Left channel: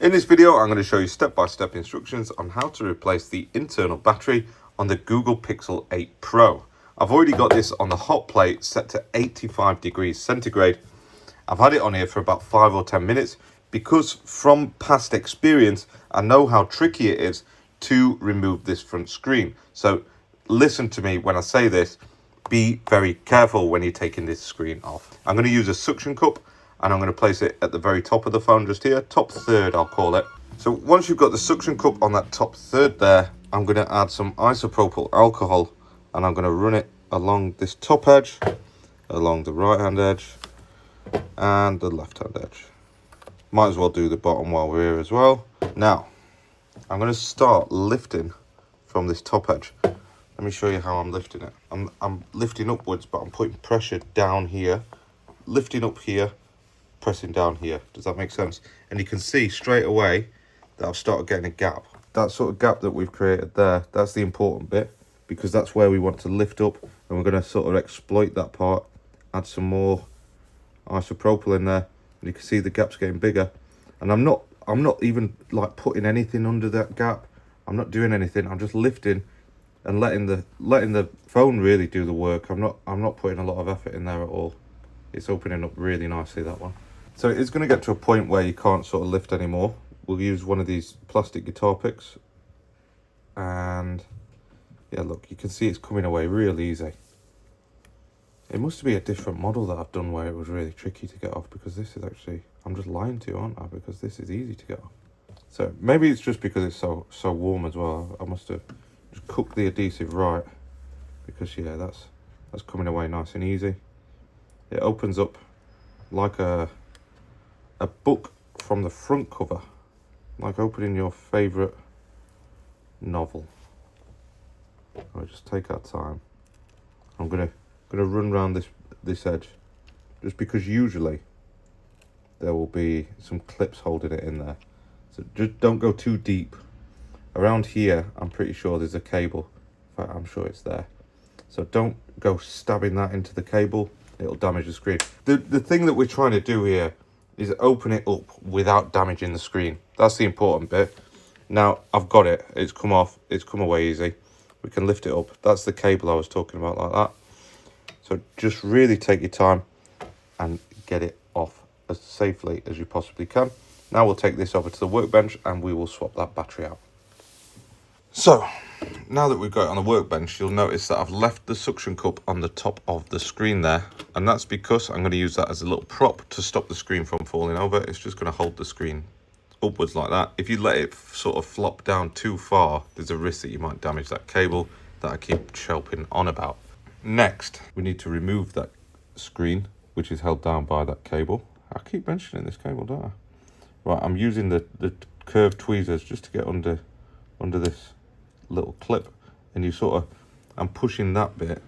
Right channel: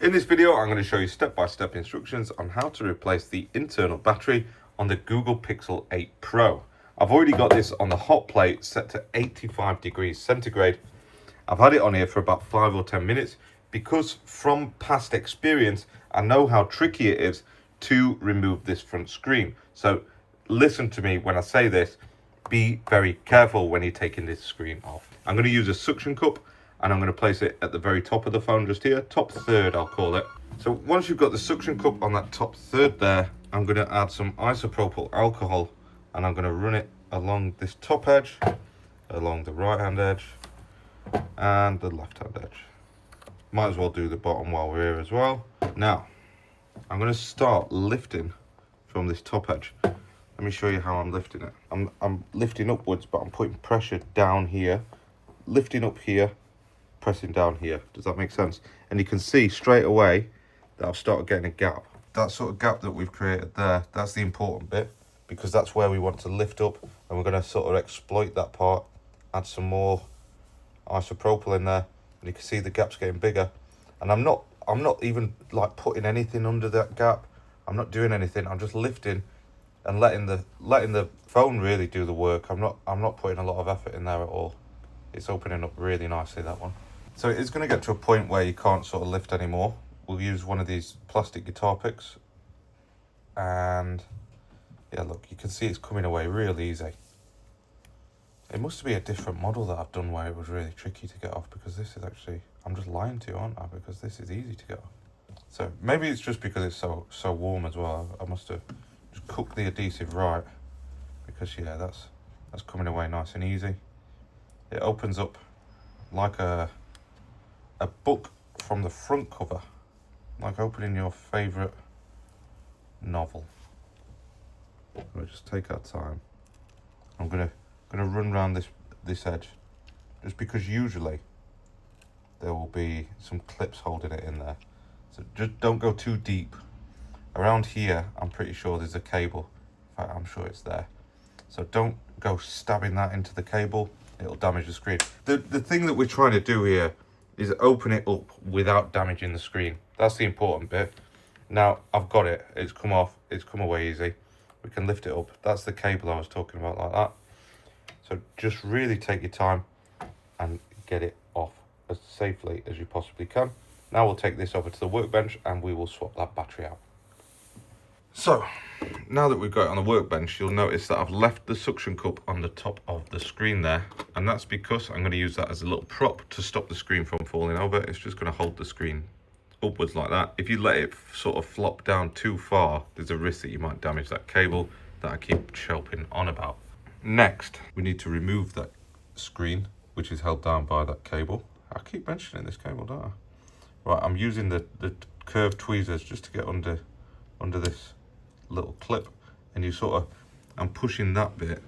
In this video, I'm going to show you step-by-step instructions on how to replace the internal battery on the Google Pixel 8 Pro. I've already got this on the hot plate set to 85 degrees centigrade. I've had it on here for about 5 or 10 minutes because from past experience, I know how tricky it is to remove this front screen. So listen to me when I say this, be very careful when you're taking this screen off. I'm going to use a suction cup and I'm going to place it at the very top of the phone just here, top third I'll call it. So once you've got the suction cup on that top third there, I'm going to add some isopropyl alcohol and I'm going to run it along this top edge, along the right hand edge and the left hand edge. Might as well do the bottom while we're here as well. Now, I'm going to start lifting from this top edge. Let me show you how I'm lifting it. I'm lifting upwards, but I'm putting pressure down here, lifting up here, pressing down here. Does that make sense? And you can see straight away that I've started getting a gap. That sort of gap that we've created there, that's the important bit, because that's where we want to lift up, and we're going to sort of exploit that part, add some more isopropyl in there, and you can see the gap's getting bigger. And I'm not even like putting anything under that gap. I'm not doing anything. I'm just lifting and letting the phone really do the work. I'm not putting a lot of effort in there at all. It's opening up really nicely, that one. So it's going to get to a point where you can't sort of lift anymore. We'll use one of these plastic guitar picks, and yeah, look, you can see it's coming away real easy. It must be a different model that I've done where it was really tricky to get off, because this is actually, I'm just lying to you, aren't I? Because this is easy to get off. So maybe it's just because it's so warm as well. I must have just cooked the adhesive right, because yeah, that's coming away nice and easy. It opens up like a book from the front cover, like opening your favourite novel. I'll just take our time. I'm gonna run around this edge, just because usually there will be some clips holding it in there. So just don't go too deep. Around here, I'm pretty sure there's a cable. In fact, I'm sure it's there. So don't go stabbing that into the cable. It'll damage the screen. The thing that we're trying to do here is open it up without damaging the screen. That's the important bit. Now, I've got it. It's come off. It's come away easy. We can lift it up. That's the cable I was talking about, like that. So just really take your time and get it off as safely as you possibly can. Now we'll take this over to the workbench and we will swap that battery out. So, now that we've got it on the workbench, you'll notice that I've left the suction cup on the top of the screen there, and that's because I'm going to use that as a little prop to stop the screen from falling over. It's just going to hold the screen upwards like that. If you let it sort of flop down too far, there's a risk that you might damage that cable that I keep chirping on about. Next, we need to remove that screen, which is held down by that cable. I keep mentioning this cable, don't I? Right, I'm using the curved tweezers just to get under this little clip, and you sort of, I'm pushing that bit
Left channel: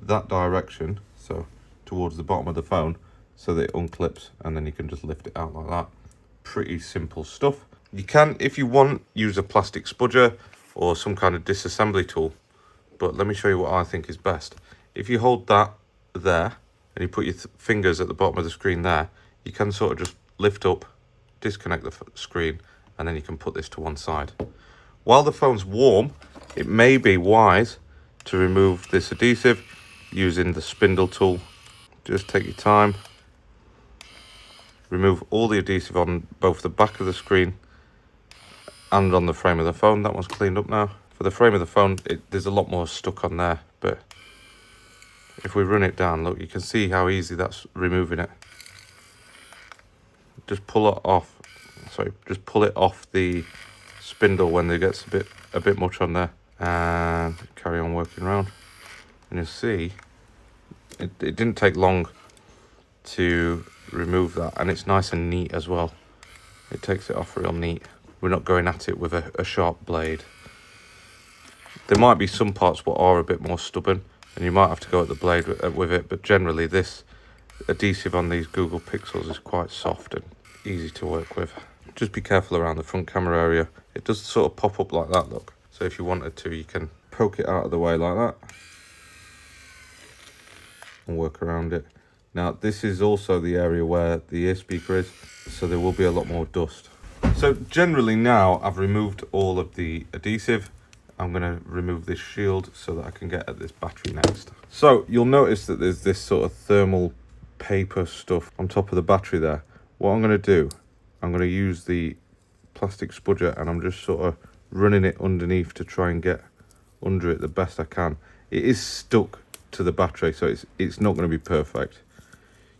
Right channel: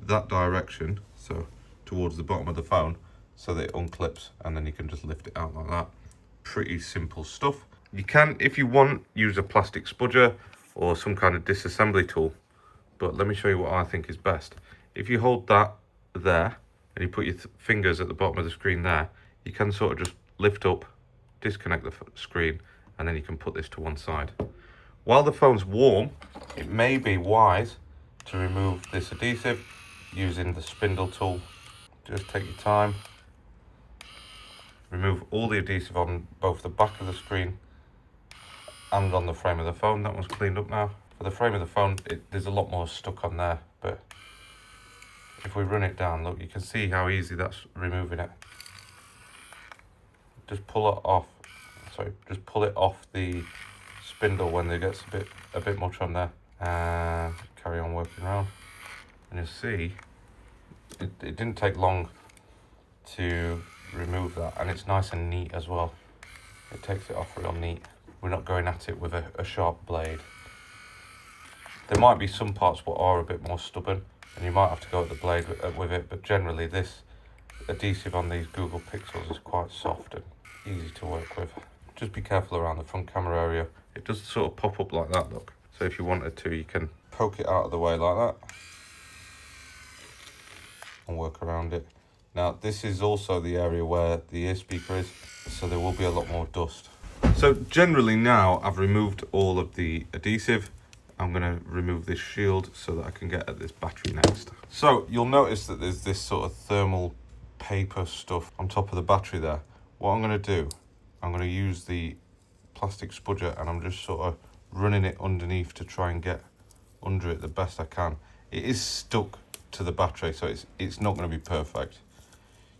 that direction, so towards the bottom of the phone, so that it unclips, and then you can just lift it out like that. Pretty simple stuff. You can, if you want, use a plastic spudger or some kind of disassembly tool, but let me show you what I think is best. If you hold that there and you put your fingers at the bottom of the screen there, you can sort of just lift up, disconnect the screen, and then you can put this to one side. While the phone's warm, it may be wise to remove this adhesive using the spindle tool. Just take your time. Remove all the adhesive on both the back of the screen and on the frame of the phone. That one's cleaned up now. For the frame of the phone, there's a lot more stuck on there, but if we run it down, look, you can see how easy that's removing it. Just pull it off. Sorry, just pull it off the spindle when there gets a bit much on there, and carry on working around. And you'll see it didn't take long to remove that, and it's nice and neat as well. It takes it off real neat. We're not going at it with a sharp blade. There might be some parts that are a bit more stubborn, and you might have to go at the blade with it, but generally this adhesive on these Google Pixels is quite soft and easy to work with. Just be careful around the front camera area. It does sort of pop up like that, look. So if you wanted to, you can poke it out of the way like that and work around it. Now, this is also the area where the ear speaker is, so there will be a lot more dust. So generally now I've removed all of the adhesive. I'm going to remove this shield so that I can get at this battery next. So you'll notice that there's this sort of thermal paper stuff on top of the battery there. What I'm going to do, I'm going to use the plastic spudger and I'm just sort of running it underneath to try and get under it the best I can. It is stuck to the battery, so it's not going to be perfect.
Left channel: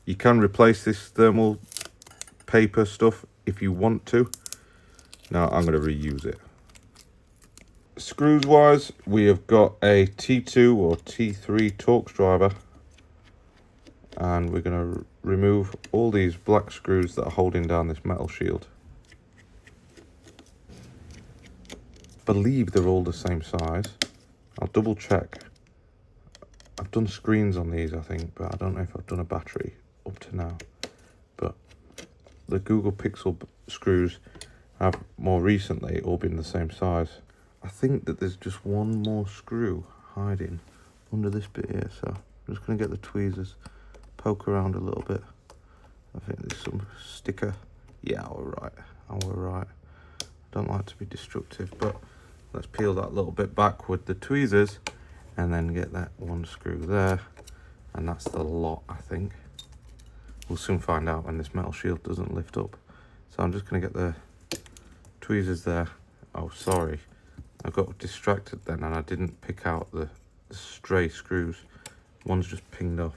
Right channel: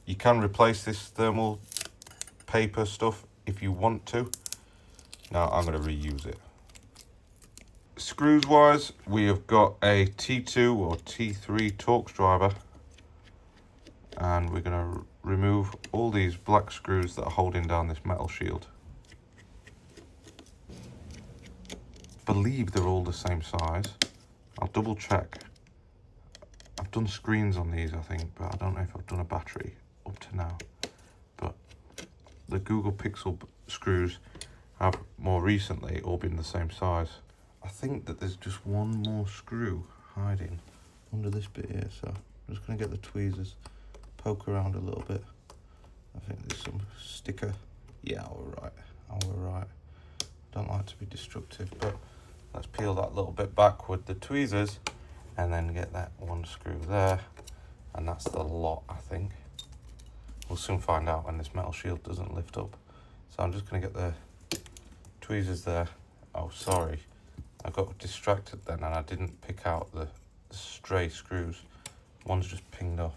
You can replace this thermal paper stuff if you want to. Now I'm going to reuse it. Screws wise, we have got a T2 or T3 Torx driver, and we're going to remove all these black screws that are holding down this metal shield. I believe they're all the same size. I'll double check. I've done screens on these, I think, but I don't know if I've done a battery up to now. But the Google Pixel screws have more recently all been the same size. I think that there's just one more screw hiding under this bit here, so I'm just going to get the tweezers, poke around a little bit. I think there's some sticker. Yeah, alright, alright. Don't like to be destructive, but let's peel that little bit back with the tweezers and then get that one screw there, and that's the lot, I think. We'll soon find out when this metal shield doesn't lift up. So I'm just going to get the tweezers there. Oh, sorry. I got distracted then and I didn't pick out the stray screws. One's just pinged off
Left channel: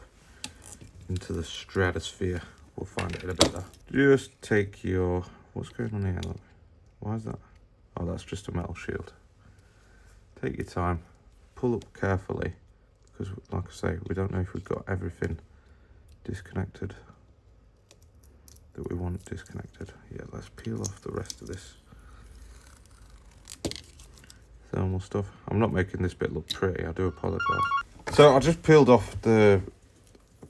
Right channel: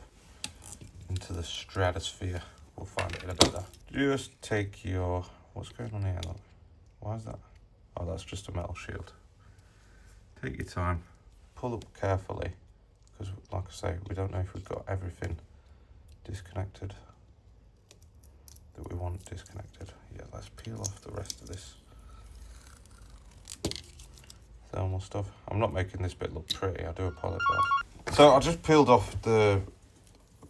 into the stratosphere. We'll find it in a bit. Just take your... What's going on here? Look. Why is that? Oh, that's just a metal shield. Take your time. Pull up carefully. Because, like I say, we don't know if we've got everything disconnected that we want disconnected. Yeah, let's peel off the rest of this thermal stuff. I'm not making this bit look pretty, I do apologise. So I just peeled off the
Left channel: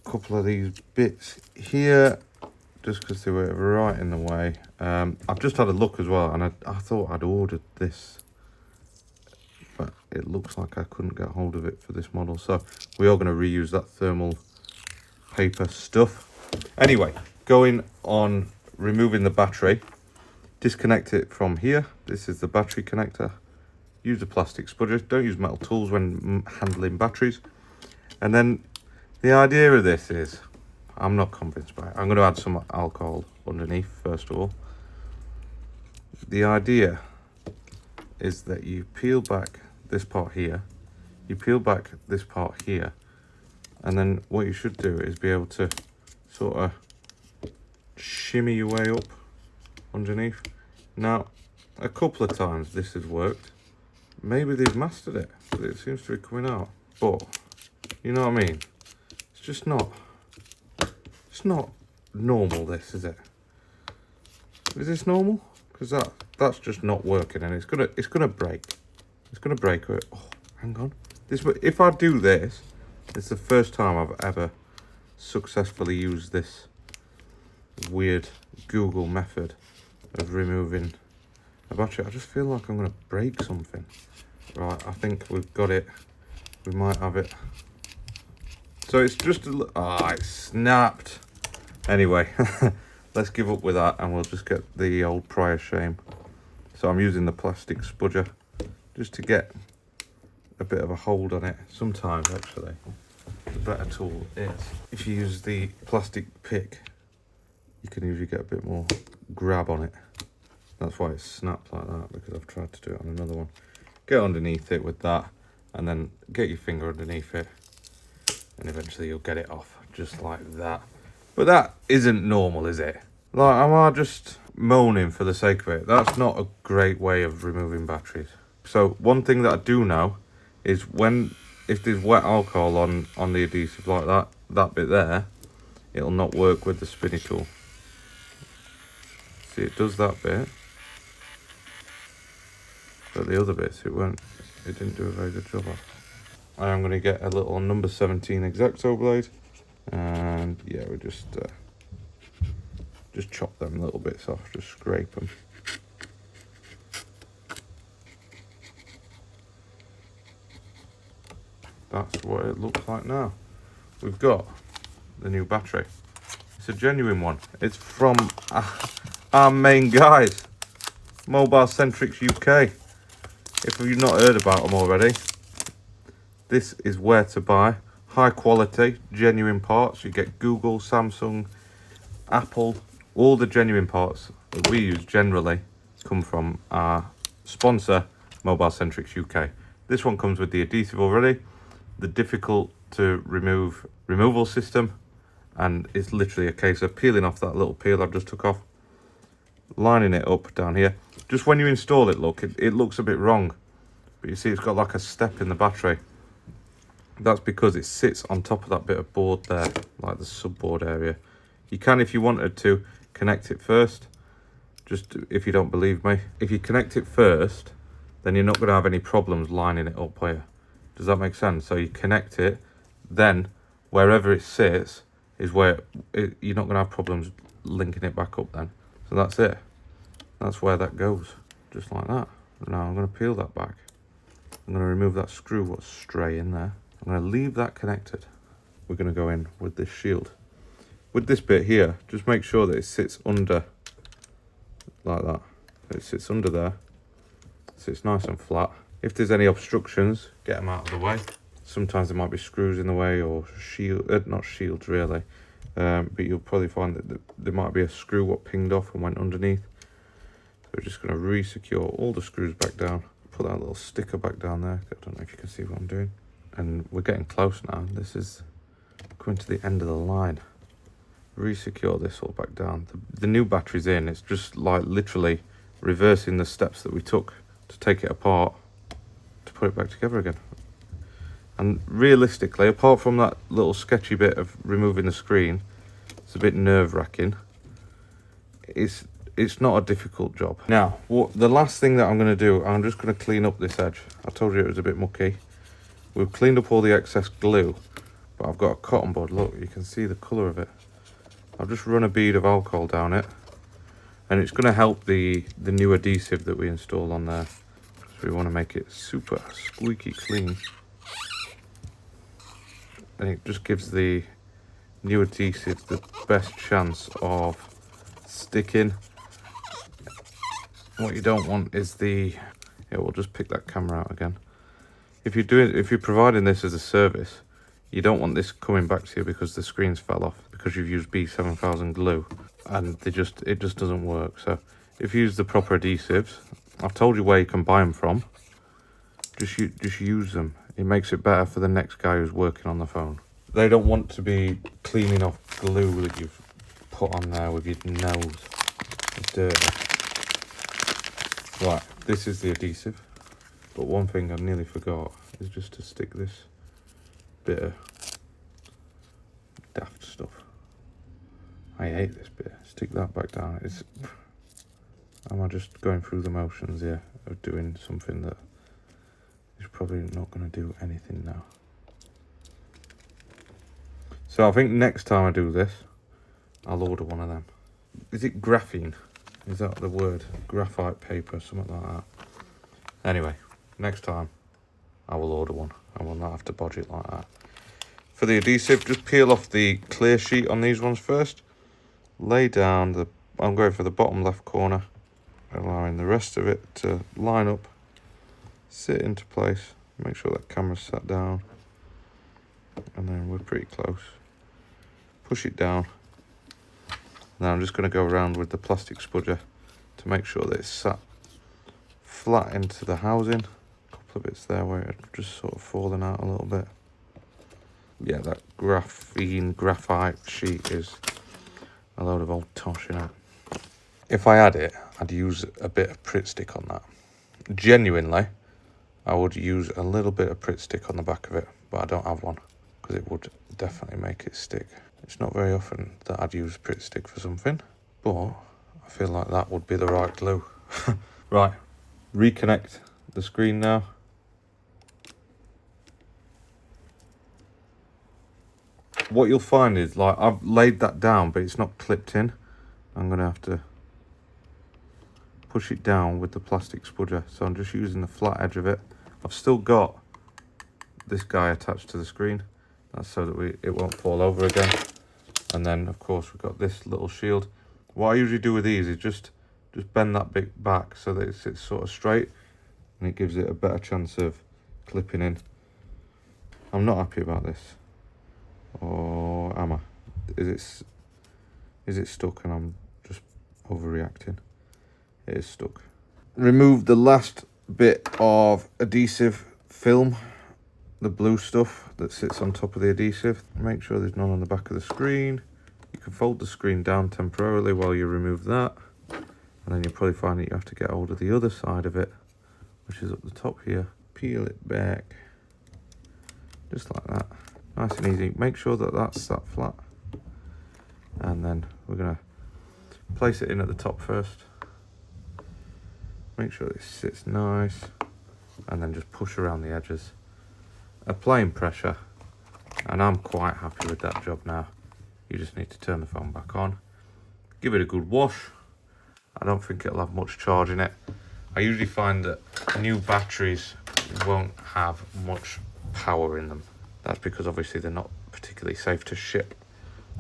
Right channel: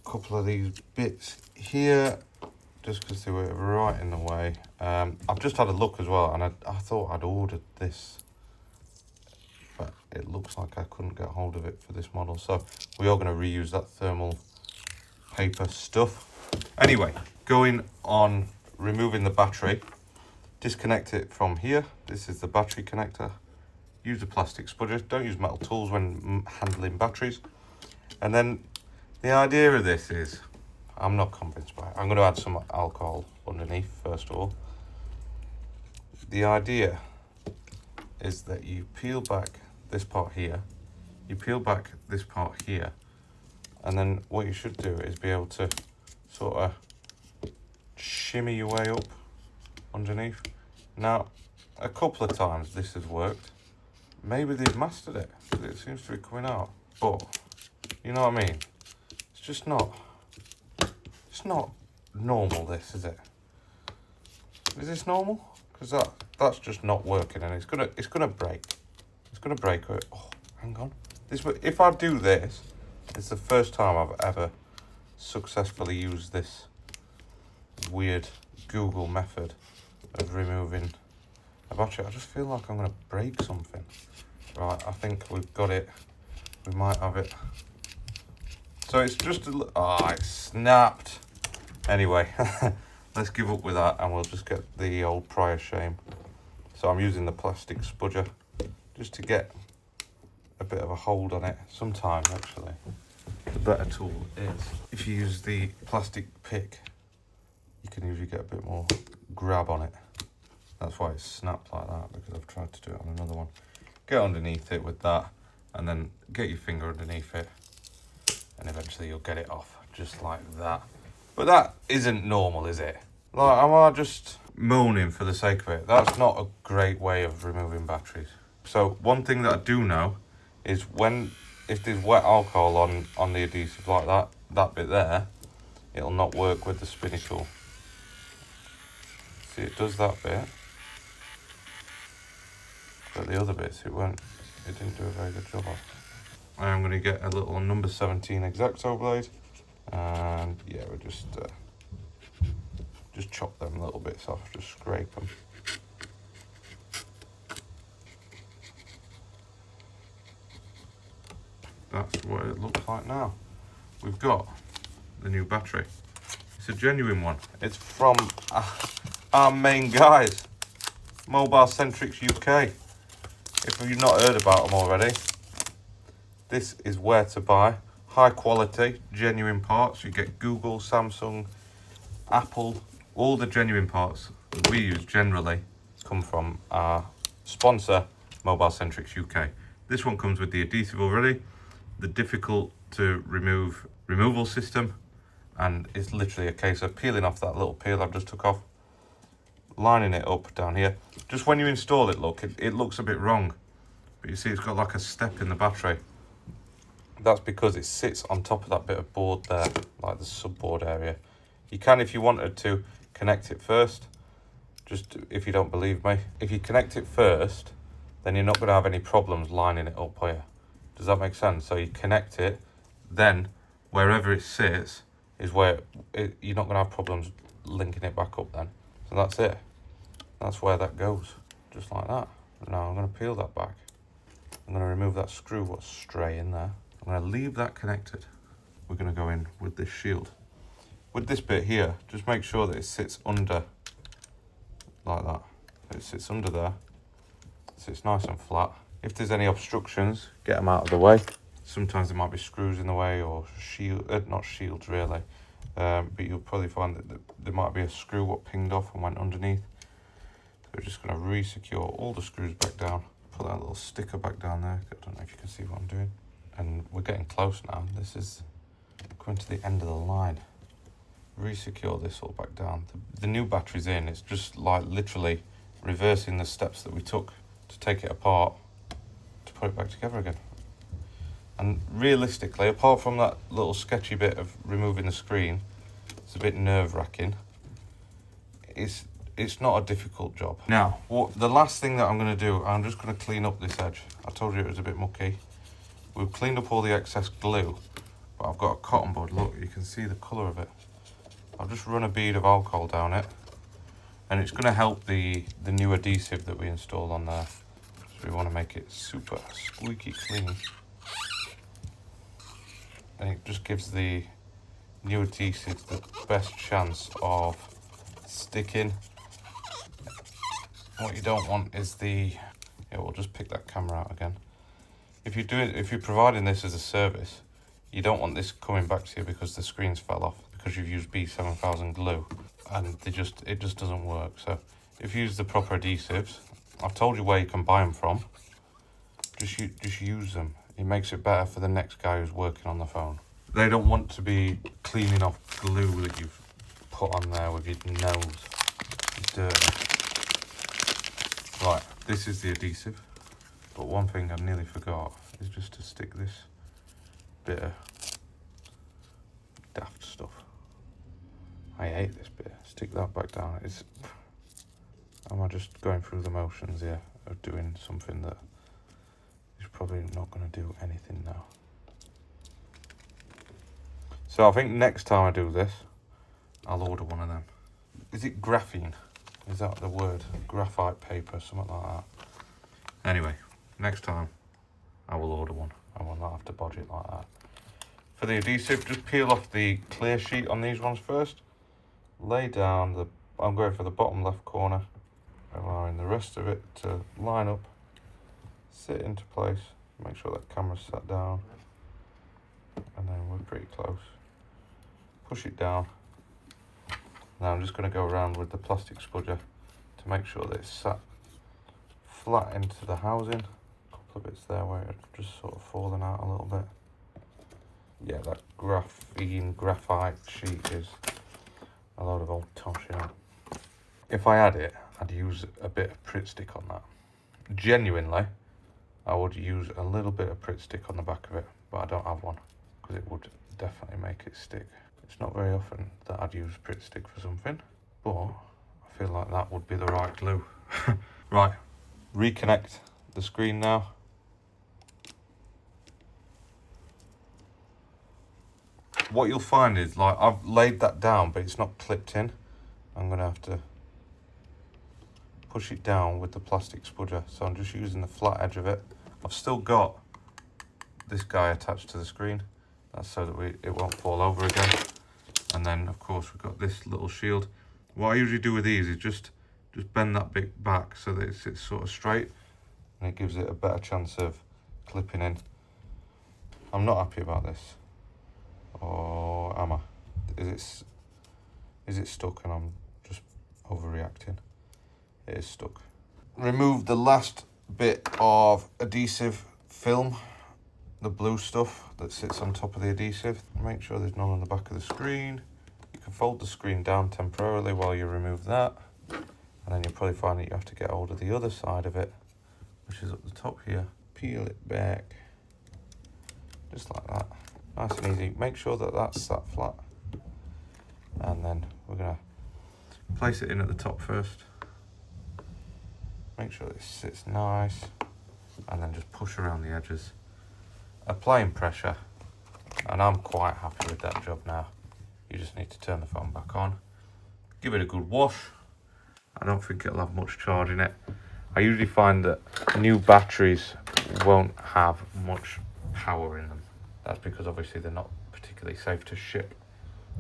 couple of these bits here just because they were right in the way. I've just had a look as well, and I thought I'd ordered this, but it looks like I couldn't get hold of it for this model, so we are going to reuse that thermal paper stuff. Anyway, going on removing the battery, disconnect it from here. This is the battery connector. Use a plastic spudger, don't use metal tools when handling batteries. And then the idea of this is, I'm not convinced by it. I'm going to add some alcohol underneath first of all. The idea is that you peel back this part here, you peel back this part here, and then what you should do is be able to sort of shimmy your way up underneath. Now, a couple of times this has worked. Maybe they've mastered it, but it seems to be coming out. But, you know what I mean? It's not normal, this, is it? Is this normal? Because that's just not working, and it's gonna break. It's gonna break. Oh, hang on. If I do this, it's the first time I've ever successfully used this weird Google method of removing a battery. I just feel like I'm gonna break something. Right, I think we've got it. We might have it. So it's just it snapped. Anyway, let's give up with that and we'll just get the old prior shame. So I'm using the plastic spudger just to get a bit of a hold on it. Sometimes actually the better tool is if you use the plastic pick, you can usually get a bit more grab on it. That's why it snapped like that, because I've tried to do it on another one. Get underneath it with that and then get your finger underneath it and eventually you'll get it off just like that. But that isn't normal, is it? Like, am I just moaning for the sake of it? That's not a great way of removing batteries. So one thing that I do know is if there's wet alcohol on the adhesive like that bit there, it'll not work with the spinny tool. See, it does that bit, but the other bits it didn't do a very good job of. I'm going to get a little number 17 X-Acto blade, and yeah, we just chop them little bits off, just scrape them. That's what it looks like now. We've got the new battery. It's a genuine one. It's from our main guys. Mobile Centrics UK. If you've not heard about them already, this is where to buy. High quality, genuine parts. You get Google, Samsung, Apple, all the genuine parts that we use generally come from our sponsor, Mobile Centrics UK. This one comes with the adhesive already, the difficult to remove removal system, and it's literally a case of peeling off that little peel I've just took off, lining it up down here. Just when you install it, look, it looks a bit wrong, but you see it's got like a step in the battery. That's because it sits on top of that bit of board there, like the subboard area. You can, if you wanted to, connect it first, just if you don't believe me. If you connect it first, then you're not going to have any problems lining it up here. Does that make sense? So you connect it, then wherever it sits is where you're not going to have problems linking it back up then. So that's it. That's where that goes, just like that. Now I'm going to peel that back. I'm going to remove that screw what's stray in there. I'm going to leave that connected. We're going to go in with this shield. With this bit here, just make sure that it sits under, like that. It sits under there, so it's nice and flat. If there's any obstructions, get them out of the way. Sometimes there might be screws in the way, or not shields really, but you'll probably find that there might be a screw what pinged off and went underneath. So we're just going to re-secure all the screws back down. Put that little sticker back down there. I don't know if you can see what I'm doing. And we're getting close now. This is coming to the end of the line. Re-secure this all back down. The new battery's in. It's just like literally reversing the steps that we took to take it apart to put it back together again. And realistically, apart from that little sketchy bit of removing the screen, it's a bit nerve-wracking. It's not a difficult job. Now, the last thing that I'm going to do, I'm just going to clean up this edge. I told you it was a bit mucky. We've cleaned up all the excess glue, but I've got a cotton bud. Look, you can see the colour of it. I've just run a bead of alcohol down it, and it's going to help the new adhesive that we installed on there. So we want to make it super squeaky clean. And it just gives the new adhesive the best chance of sticking. What you don't want is we'll just pick that camera out again. If you're providing this as a service, you don't want this coming back to you because the screens fell off because you've used B7000 glue, and it just doesn't work. So if you use the proper adhesives, I've told you where you can buy them from. Just use them. It makes it better for the next guy who's working on the phone. They don't want to be cleaning off glue that you've put on there with your nose. It's dirty. Right, this is the adhesive. But one thing I nearly forgot is just to stick this bit of daft stuff. I hate this bit. Stick that back down. Am I just going through the motions here of doing something that is probably not going to do anything now? So I think next time I do this, I'll order one of them. Is it graphene? Is that the word? Graphite paper, something like that. Anyway, next time I will order one and we'll not have to bodge it like that. For the adhesive, just peel off the clear sheet on these ones first. Lay down I'm going for the bottom left corner, allowing the rest of it to line up, sit into place. Make sure that camera's sat down, and then we're pretty close. Push it down. Now I'm just going to go around with the plastic spudger to make sure that it's sat flat into the housing. A couple of bits there where it's just sort of falling out a little bit. Yeah, that graphite sheet is a load of old tosh, you know. If I had it, I'd use a bit of Pritt stick on that. Genuinely, I would use a little bit of Pritt stick on the back of it, but I don't have one because it would definitely make it stick. It's not very often that I'd use Pritt stick for something, but I feel like that would be the right glue. Right, reconnect the screen now. What you'll find is, like, I've laid that down, but it's not clipped in. I'm going to have to push it down with the plastic spudger. So I'm just using the flat edge of it. I've still got this guy attached to the screen. That's so that it won't fall over again. And then, of course, we've got this little shield. What I usually do with these is just just bend that bit back so that it sits sort of straight, and it gives it a better chance of clipping in. I'm not happy about this. Or am I? Is it stuck and I'm just overreacting? It is stuck. Remove the last bit of adhesive film, the blue stuff that sits on top of the adhesive. Make sure there's none on the back of the screen. You can fold the screen down temporarily while you remove that, and then you'll probably find that you have to get hold of the other side of it, which is up the top here. Peel it back, just like that. Nice and easy. Make sure that that's sat flat, and then we're gonna place it in at the top first. Make sure it sits nice, and then just push around the edges, applying pressure, and I'm quite happy with that job now. You just need to turn the phone back on, give it a good wash. I don't think it'll have much charge in it. I usually find that new batteries won't have much power in them. That's because obviously they're not particularly safe to ship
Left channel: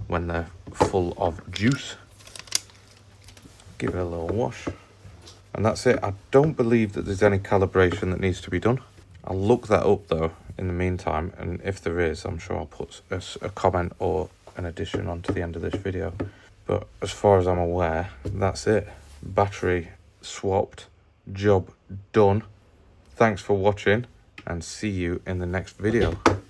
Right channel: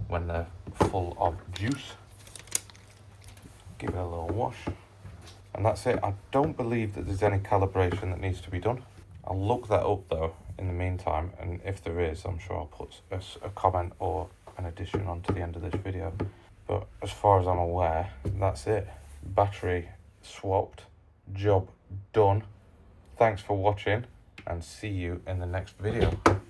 when they're full of juice. Give it a little wash, and that's it. I don't believe that there's any calibration that needs to be done. I'll look that up though in the meantime, and if there is, I'm sure I'll put a comment or an addition onto the end of this video. But as far as I'm aware, that's it. Battery swapped, job done. Thanks for watching, and see you in the next video.